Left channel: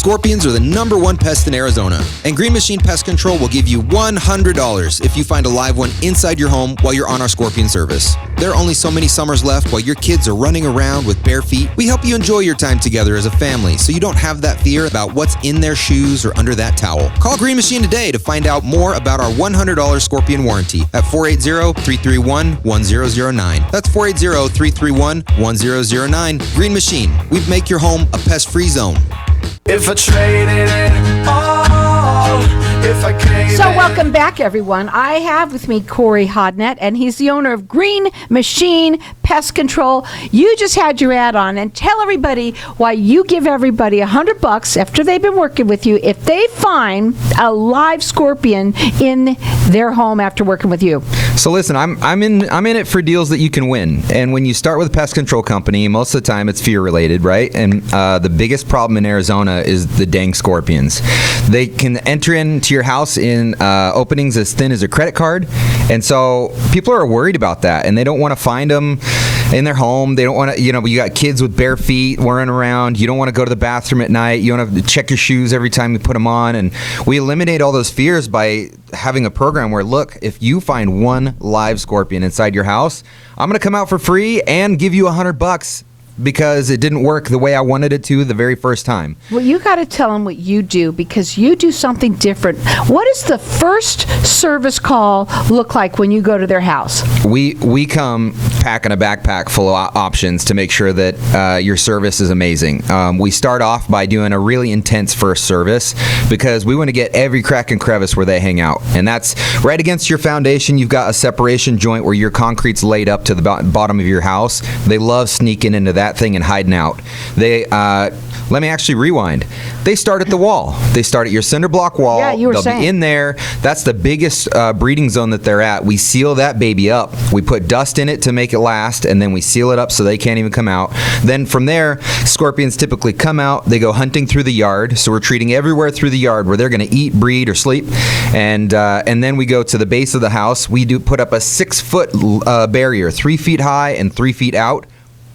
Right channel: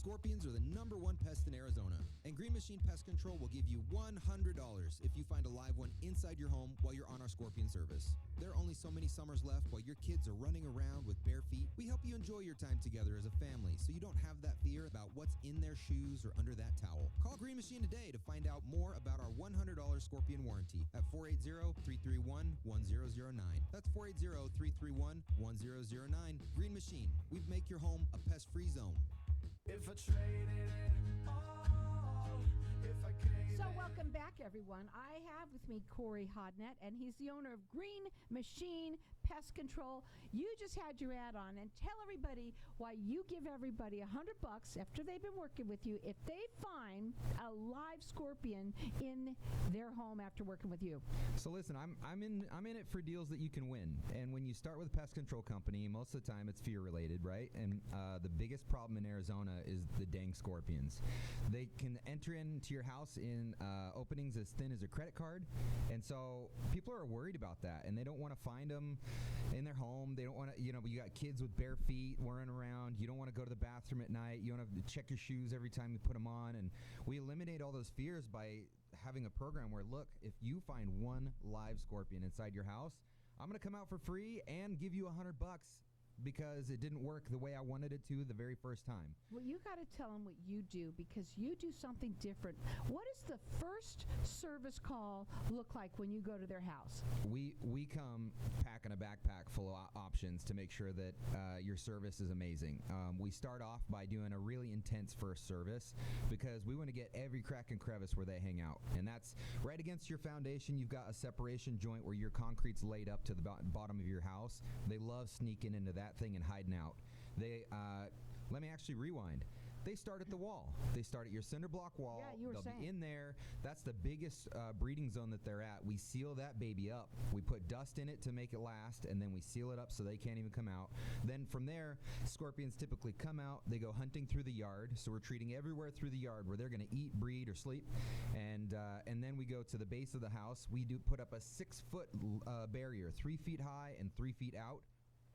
Scorpions are the #1 pest in Arizona, and Green Machine Pest Control will give you $100 if you find a live one inside your home while you're on our Scorpion service. There are only so many summers left while your kids are running around with bare feet. We help you enjoy your time together as a family so you don't have that fear about what's in their shoes or under that towel. Call Green Machine today to find out more about our $100 Scorpion warranty at 480-331-1009. That's 480-331-1009. Green Machine. We make your home a pest-free zone. If I traded it all, if I came So welcome back, everyone. I have with me Corey Hodnett, and he's the owner of Green Machine Pest Control. You just had your ad on, and tell everybody why you give everybody $100 after they've been working with you if they find a live scorpion in their home after working with you. So listen, I'm in it for deals that you can win. And when you start with a pest control company, most of the time it's fear related, right? And the biggest problem in Arizona is the dang scorpions. They can enter into your house in openings as thin as a credit card, and so people are worried about that, and they don't want to find them in their home. They don't want to, you got kids with bare feet whirring around. You don't want to go to the bathroom at night. You don't have to check your shoes every time you put them on, and we eliminate all those fears by having a program where, look, if you find one live scorpion inside your house, I'm going to come out for free and give you $100 because it didn't work the way I wanted it to the very first time. Well, you got to tell them what you do, because you do something different. What does the first service call look like when you go to their house? We come packing a backpack full of options to make sure that your service is amazing. We start off by doing a really intense first service because we want to get every crack and crevice where they hang out. And that's right against your foundation. You've got a separation joint where your concrete's laid up to the bottom of your house. They love sneaking into that thing and hiding out. Let me actually rewind. They start at the wall. They start at your cinder block wall. Yeah, you were They'll saying. be in there. That's the biggest breeding zone that they're at. We seal that baby up. We put dust in it to make it last, and then we seal it up so they can't even come out. Then from there, scorpions typically come out. They go hunting through the yard. So we're treating everywhere through the yard where they're going to eat, breed, or sleep. And then we go to the base of the house. We do put up a 6-foot barrier, 3 feet high and 3 feet out,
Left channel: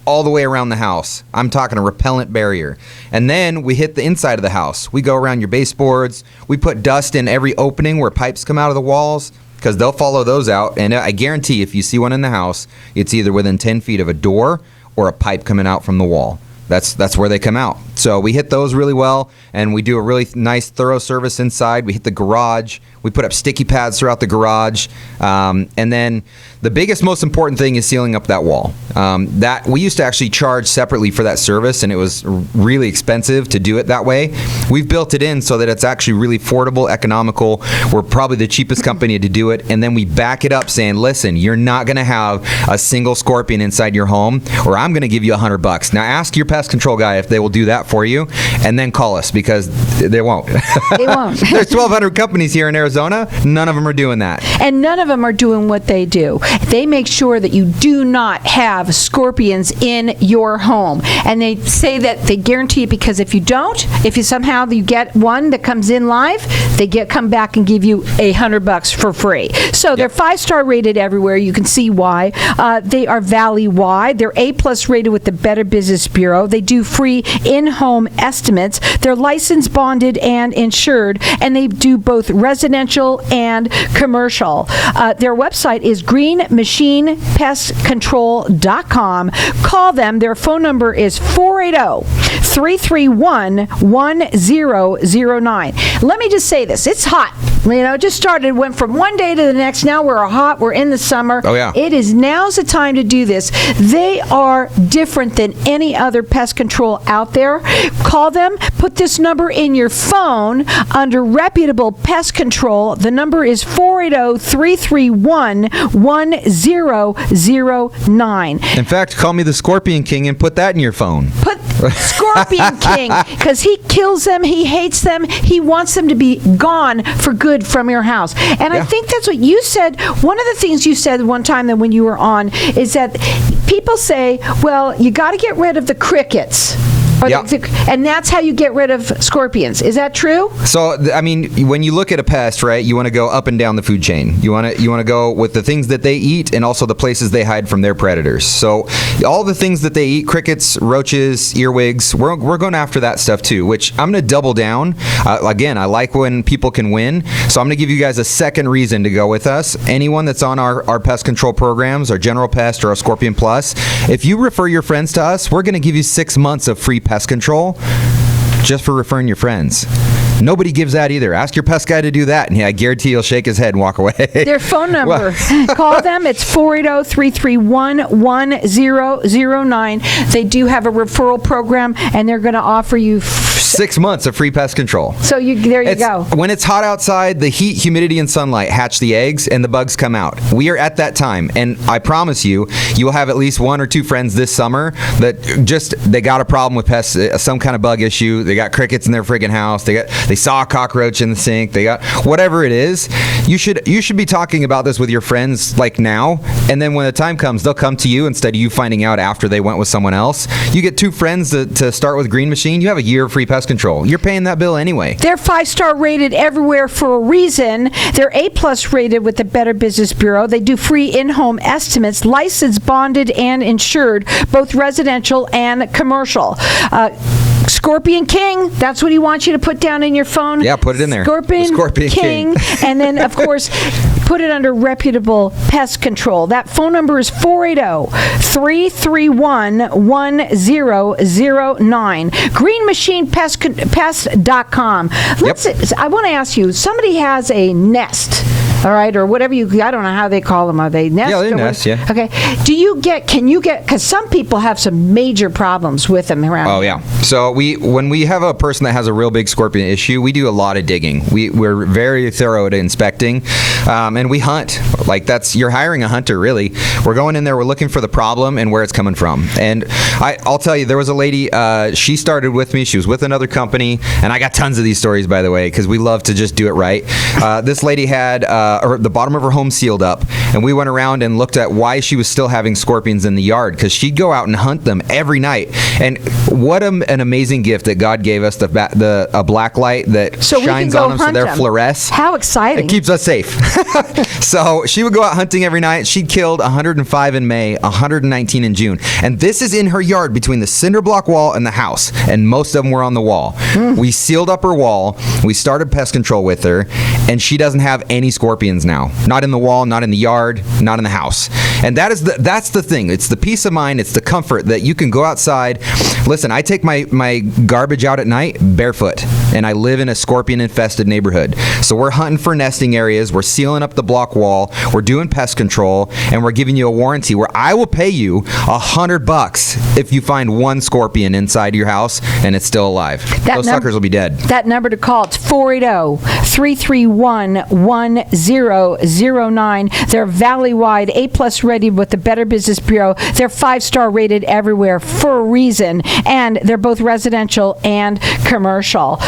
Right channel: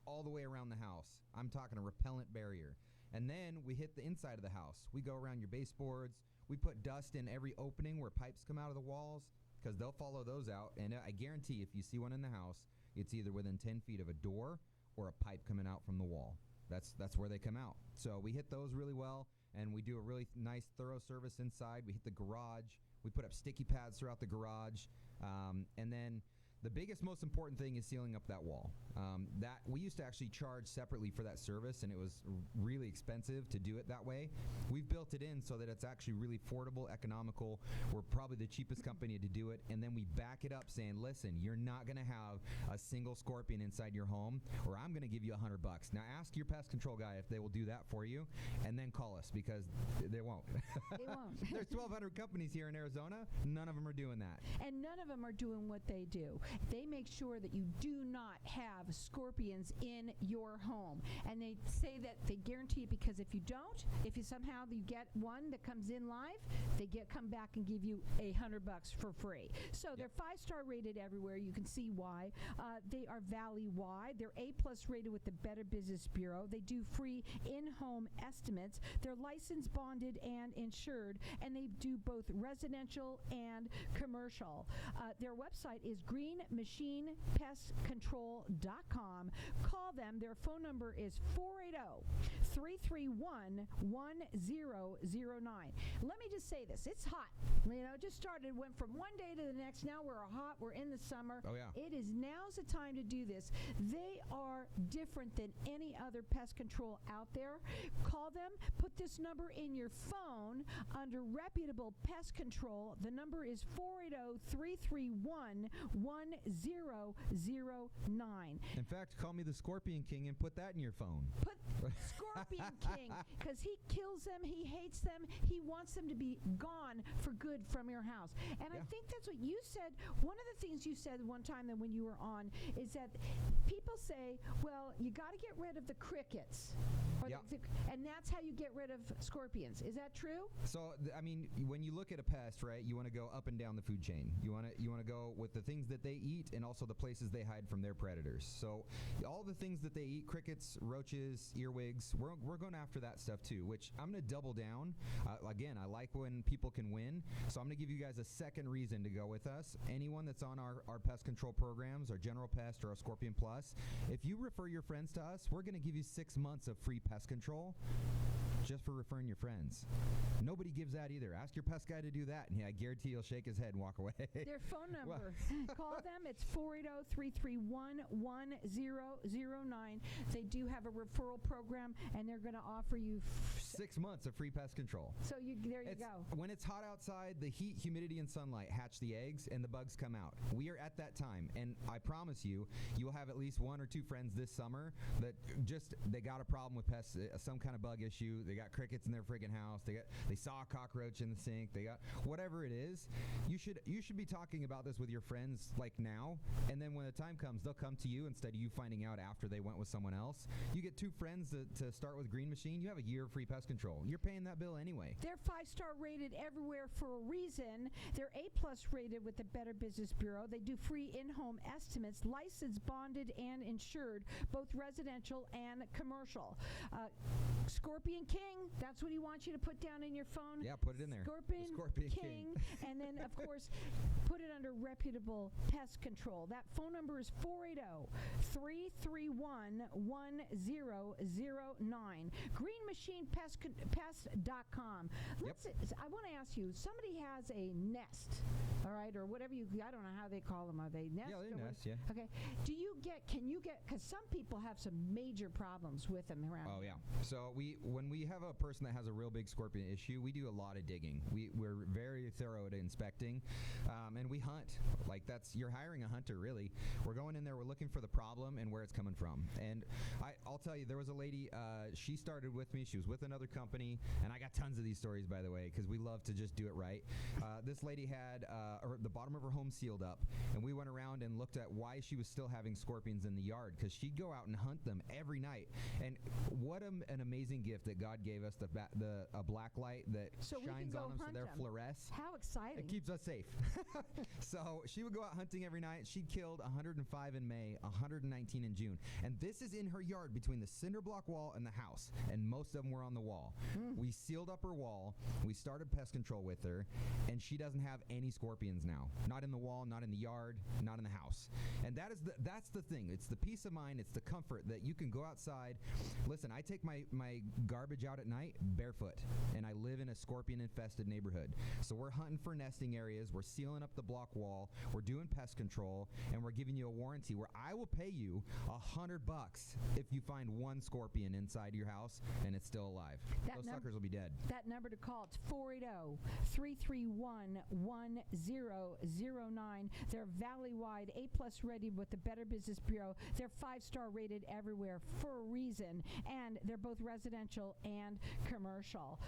all the way around the house. I'm talking a repellent barrier. And then we hit the inside of the house. We go around your baseboards. We put dust in every opening where pipes come out of the walls, because they'll follow those out. And I guarantee if you see one in the house, it's either within 10 feet of a door or a pipe coming out from the wall. That's where they come out. So we hit those really well, and we do a really nice, thorough service inside. We hit the garage. We put up sticky pads throughout the garage. And then the biggest, most important thing is sealing up that wall. That we used to actually charge separately for that service, and it was really expensive to do it that way. We've built it in so that it's actually really affordable, economical. We're probably the cheapest company to do it. And then we back it up saying, listen, you're not going to have a single scorpion inside your home, or I'm going to give you $100. Now ask your pest control guy if they will do that for you, and then call us, because they won't. They won't. There's 1,200 companies here in Arizona. None of them are doing that. And none of them are doing what they do. They make sure that you do not have scorpions in your home. And they say that they guarantee it, because if you don't, if you somehow you get one that comes in live, they come back and give you $100 for free. So they're 5-star rated everywhere. You can see why. They are valley-wide. They're A+ rated with the Better Business Bureau. They do free in-home estimates. They're licensed, bonded, and insured, and they do both residential and commercial. Their website is greenmachinepestcontrol.com. Call them. Their phone number is 480-331-1009. Let me just say this. It's hot. It just started, went from one day to the next. Now we're hot. We're in the summer. Oh, yeah. Now's the time to do this. They are different than any other pest control out there. Call them. Put this number in your phone under reputable pest control. The number is 480-331-1009. In fact, call me the Scorpion King and put that in your phone. Put Scorpion King, because he kills them, he hates them, he wants them to be gone for good from your house. And I think that's what you said. One of the things you said one time that when you were on is that people say, well, you got to get rid of the crickets. And that's how you get rid of scorpions. Is that true? So, I mean, when you look at a pest, right, you want to go up and down the food chain. You want to go with the things that they eat and also the places they hide from their predators. So, all the things that they eat, crickets, roaches, earwigs, we're going after that stuff too, which I'm going to double down. Again, I like when people can win. So, I'm going to give you guys a second reason to go with us. Anyone that's on our pest control programs, our General Pest or our Scorpion Plus, if you refer your friends to us, we're going to give you 6 months of free pest control just for referring your friends. Nobody gives that either. Ask your pest guy to do that, and I guarantee he'll shake his head and walk away. Their phone number. Call them. It's 480-331-1009. They do have a referral program, and they're going to offer you 6 months of free pest control. So there you go. When it's hot outside, the heat, humidity, and sunlight hatch the eggs, and the bugs come out. We are at that time, and I promise you, you will have at least 1 or 2 friends this summer that they got a problem with pests, some kind of bug issue. They got crickets in their friggin' house. They saw a cockroach in the sink. They got whatever it is. You should be talking about this with your friends like now, and then when the time comes, they'll come to you instead of you finding out after they went with someone else. You get 2 friends to start with Green Machine. You have a year of free pest control. You're paying that bill anyway. They're 5-star rated everywhere for a reason. They're A+ rated with the Better Business Bureau. They do free in-home estimates, licensed, bonded, and insured, both residential and commercial. Scorpion King, that's what he wants you to put down in your phone. Yeah, put it in there. Scorpion King. And then, of course, put it under reputable pest control. That phone number is 480-331-1009. GreenMachinePest.com. I want to ask you, somebody has a nest, all right, or whatever I don't know how they call them. Are they nest? Yeah, they nest, yeah. Okay. Because some people have some major problems with them around. Oh, yeah. So when we have a person that has a real big scorpion issue, we do a lot of digging. We're very thorough at inspecting, and we hunt. You're hiring a hunter, really. We're going in there, we're looking for the problem and where it's coming from. And I'll tell you, there was a lady, she started with me. She was with another company, and I got tons of these stories, by the way, because we love to just do it right. This lady had the bottom of her home sealed up, and we went around and looked at why she was still having scorpions in the yard, because she'd go out and hunt them every night. And what an amazing gift that God gave us, a black light that shines on them so they're fluoresce. How exciting. It keeps us safe. So she would go out hunting every night. She'd killed 105 in May, 119 in June. And this is in her yard between the cinder block wall and the house, and most of them were on the wall. We sealed up her wall. We started pest control with her, and she doesn't have any scorpions now. Not in the wall, not in the yard, not in the house. And that's the thing. It's the peace of mind. It's the comfort that you can go outside. Listen, I take my garbage out at night barefoot, and I live in a scorpion-infested neighborhood. So we're hunting for nesting areas. We're sealing up the block wall. We're doing pest control, and we're giving you a warranty where I will pay you $100 if you find 1 scorpion inside your house and it's still alive. Those suckers will be dead. That number to call, it's 480-331-1009. They're valley-wide, A+ rated with the Better Business Bureau. They're 5-star rated everywhere for a reason, and they're both residential and commercial.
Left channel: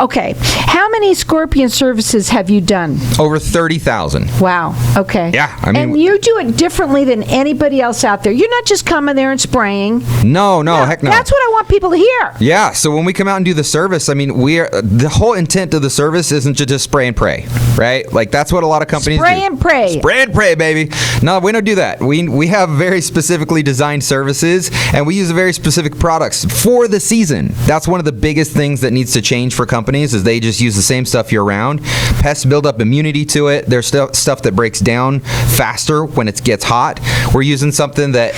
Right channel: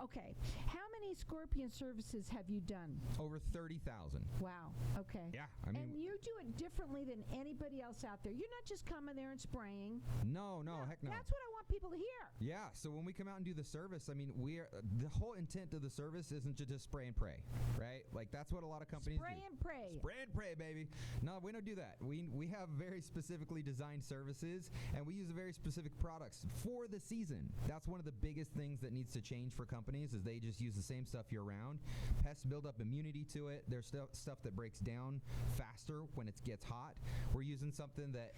Okay, how many scorpion services have you done? Over 30,000. Wow. Okay. Yeah, I mean, and you do it differently than anybody else out there. You're not just coming there and spraying. No, heck no. That's what I want people to hear. Yeah. So when we come out and do the service, I mean, the whole intent of the service isn't to just spray and pray, right? That's what a lot of companies do. Spray and pray. Spray and pray, baby. No, we don't do that. We have very specifically designed services, and we use very specific products for the season. That's one of the biggest things that needs to change for companies, is they just use the same stuff year-round. Pests build up immunity to it. There's stuff that breaks down faster when it gets hot. We're using something that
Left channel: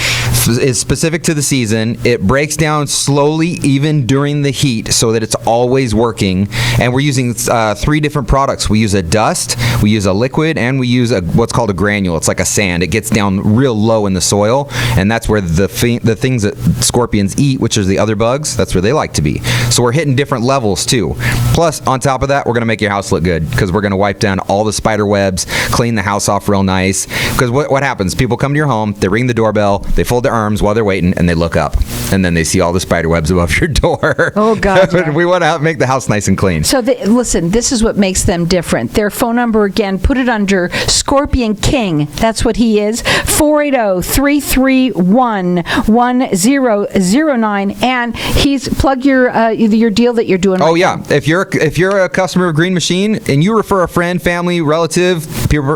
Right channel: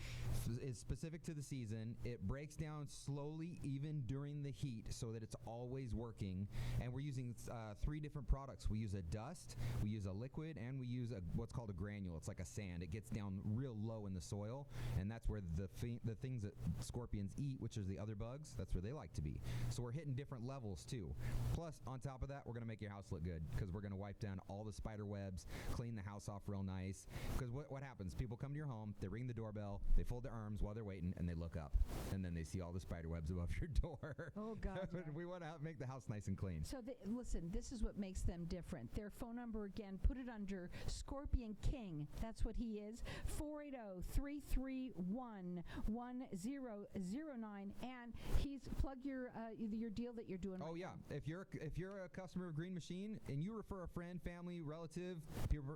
is specific to the season. It breaks down slowly even during the heat so that it's always working. And we're using 3 different products. We use a dust, we use a liquid, and we use what's called a granule. It's like a sand. It gets down real low in the soil, and that's where the things that scorpions eat, which is the other bugs, that's where they like to be. So we're hitting different levels too. Plus, on top of that, we're going to make your house look good, because we're going to wipe down all the spider webs, clean the house off real nice. Because what happens? People come to your home, they ring the doorbell, they fold their arms while they're waiting, and they look up, and then they see all the spider webs above your door. Oh, God. Yeah. We want to make the house nice and clean. So, listen, this is what makes them different. Their phone number again, put it under Scorpion King. That's what he is. 480-331-1009. And he's plug your deal that you're doing. Oh right yeah, now. if you're a customer of Green Machine and you refer a friend, family, relative,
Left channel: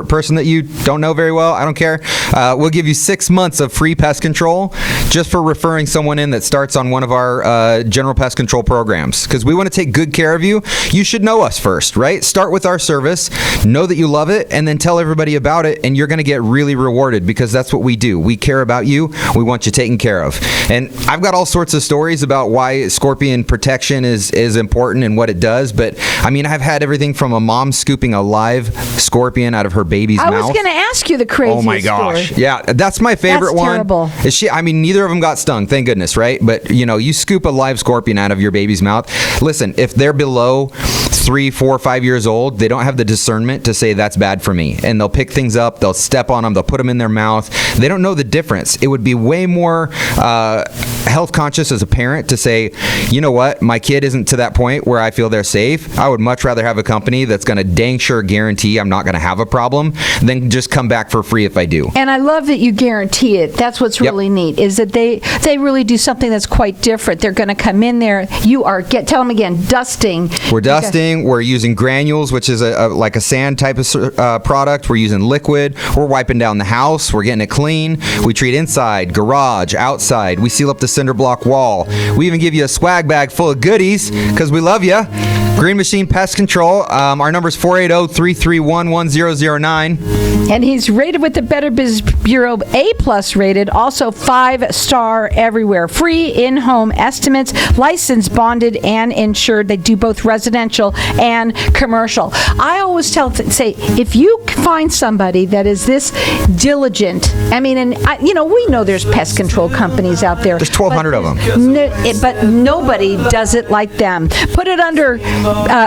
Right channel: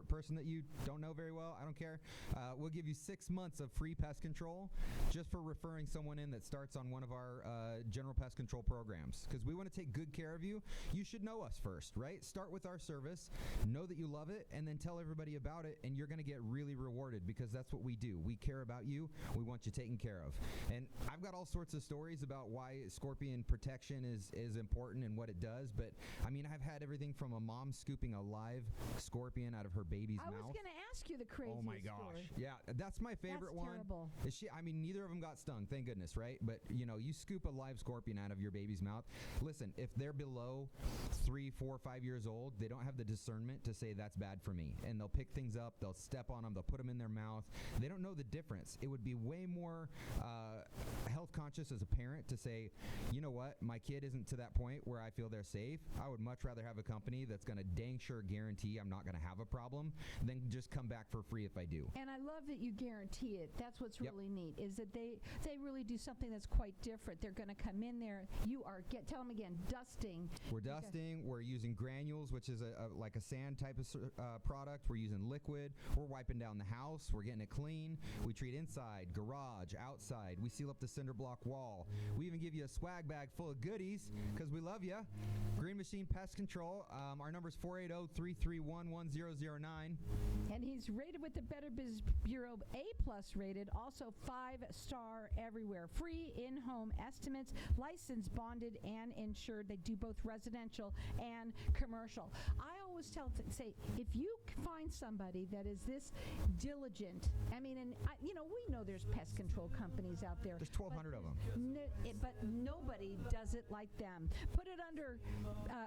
person that you don't know very well, I don't care. We'll give you 6 months of free pest control just for referring someone in that starts on one of our general pest control programs. Because we want to take good care of you. You should know us first, right? Start with our service, know that you love it, and then tell everybody about it, and you're going to get really rewarded because that's what we do. We care about you. We want you taken care of. And I've got all sorts of stories about why scorpion protection is important and what it does. But I mean, I've had everything from a mom scooping a live scorpion out of her baby's mouth. I was going to ask you the craziest Oh my gosh. story. Yeah, that's my favorite That's one. terrible. I mean, neither of them got stung, thank goodness, right? But, you scoop a live scorpion out of your baby's mouth. Listen, if they're below 3, 4, 5 years old, they don't have the discernment to say that's bad for me. And they'll pick things up, they'll step on them, they'll put them in their mouth. They don't know the difference. It would be way more health conscious as a parent to say, you know what, my kid isn't to that point where I feel they're safe. I would much rather have a company that's going to dang sure guarantee I'm not going to have a problem than just come back for free if I do. And I love that you guarantee it. That's what's really neat, is that they really do something that's quite different. They're going to come in there. You are, tell them again, dusting. We're dusting. We're using granules, which is like a sand type of product. We're using liquid. We're wiping down the house. We're getting it clean. We treat inside, garage, outside. We seal up the cinder block wall. We even give you a swag bag full of goodies because we love you. Green Machine Pest Control. Our number is 480-331-1009. And he's rated with the Better Business Bureau A+ rated, also 5-star everywhere. Free in-home estimates, licensed, bonded, and insured. They do both residential and commercial. I always say, if you find somebody that is this diligent, I mean, and we know there's pest control companies out there. There's 1,200 of them. But nobody does it like them. Put it under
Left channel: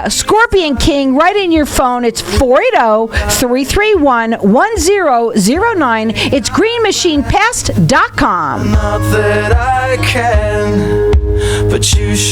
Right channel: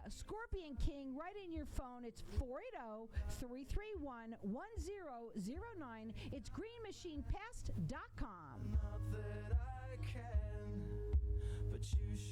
Scorpion King right in your phone. It's 480-331-1009. It's greenmachinepest.com. Not that I can, but you should.